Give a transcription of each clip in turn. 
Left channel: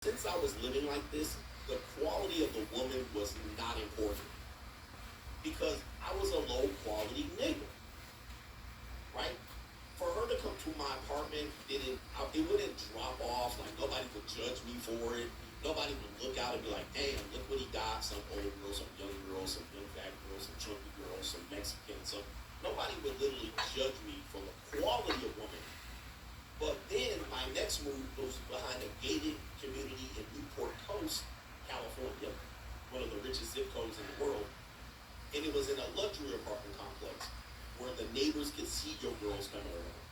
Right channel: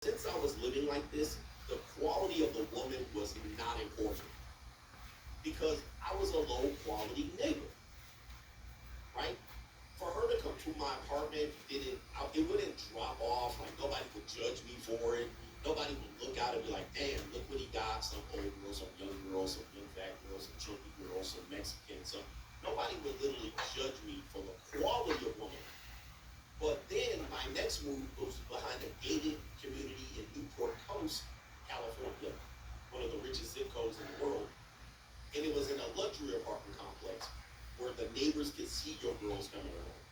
Since I was living like this, the quality of the woman was not important because I was a low quality neighbor, right? For her to come to my apartment, it wouldn't drop off. Like nobody would judge me for it. Nobody would look out and be like, "Damn, look what he got." Some old girl, some young girl, some young fat girl, some chunky girl, some Mexican. Some nobody would literally judge me for the quality of woman. But then my next move was behind a gated community in Newport Coast, California, one of the richest zip codes in the world. And it was in a luxury apartment complex where the neighbors could see your girls coming around.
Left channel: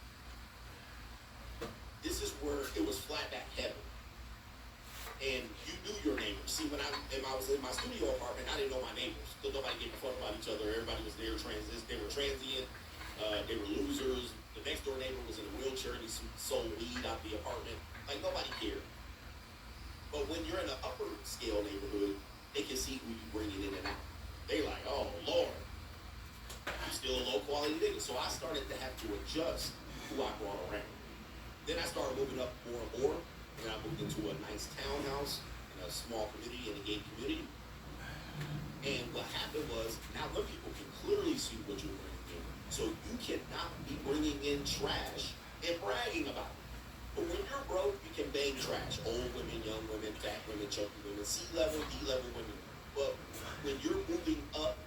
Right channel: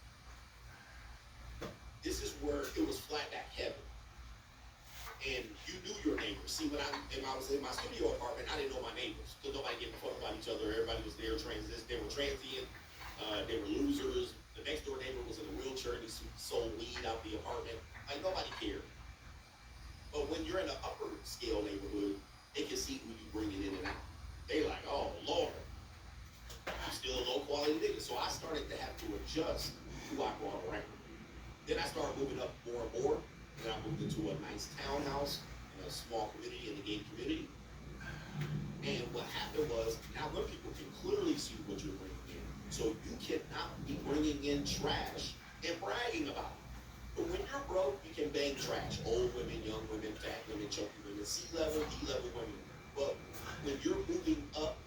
This is where it was flat back heaven. And you knew your neighbors. See, when I was in my studio apartment, I didn't know my neighbors because nobody gave a fuck about each other. Everybody was there transit. They were transient. They were losers. The next door neighbor was in a wheelchair and he sold weed out the apartment. Like nobody cared. But when you're in an upper scale neighborhood, they can see who you bringing in and out. They like, oh Lord, you still a low quality nigga. So I started to have to adjust who I brought around. Then I started moving up more and more. And I moved into a nice townhouse in a small community, in a gated community. And what happened was, now when people can clearly see what you're bringing in. So you cannot be bringing in trash and bragging about it. But when you're broke, you can bang trash. Old women, young women, fat women, chunky women, C-level, D-level women. But when you're moving up,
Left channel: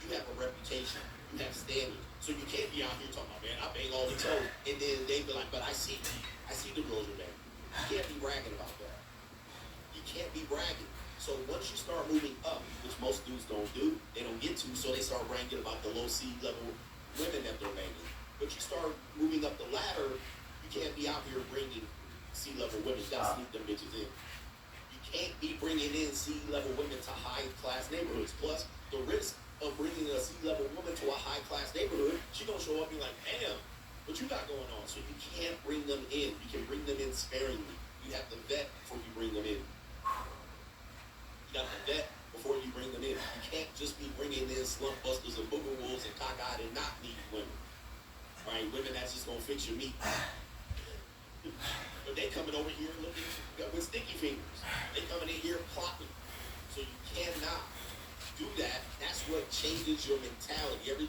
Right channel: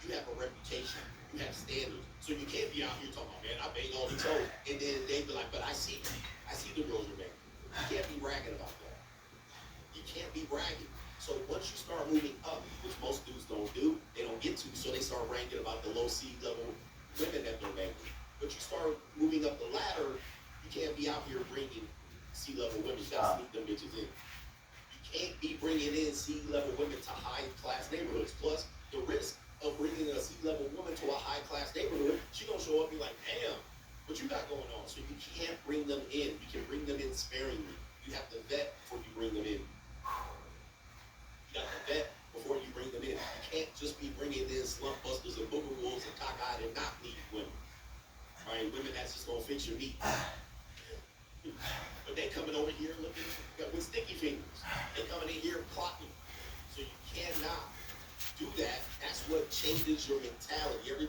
you have a reputation. You have standards. So you can't be out here talking about, man, I bang all the toes. And then they be like, but I see the girls are banging. You can't be bragging about that. You can't be bragging. So once you start moving up, which most dudes don't do, they don't get to, so they start bragging about the low C-level women that they're banging. But you start moving up the ladder, you can't be out here bringing C-level women. You gotta sneak them bitches in. You can't be bringing in C-level women to high-class neighborhoods. Plus, the risk of bringing a C-level woman to a high-class neighborhood, she gonna show up and be like, damn, what you got going on? So you can't bring them in. You can bring them in sparingly. You have to vet before you bring them in. You got to vet before you bring them in. You can't just be bringing in slump busters and booger wolves and cockeyed and not lead women. All right, women that's just gonna fix your meat. But they coming over here looking with sticky fingers. They coming in here plotting. So you cannot do that. That's what changes your mentality. Everything.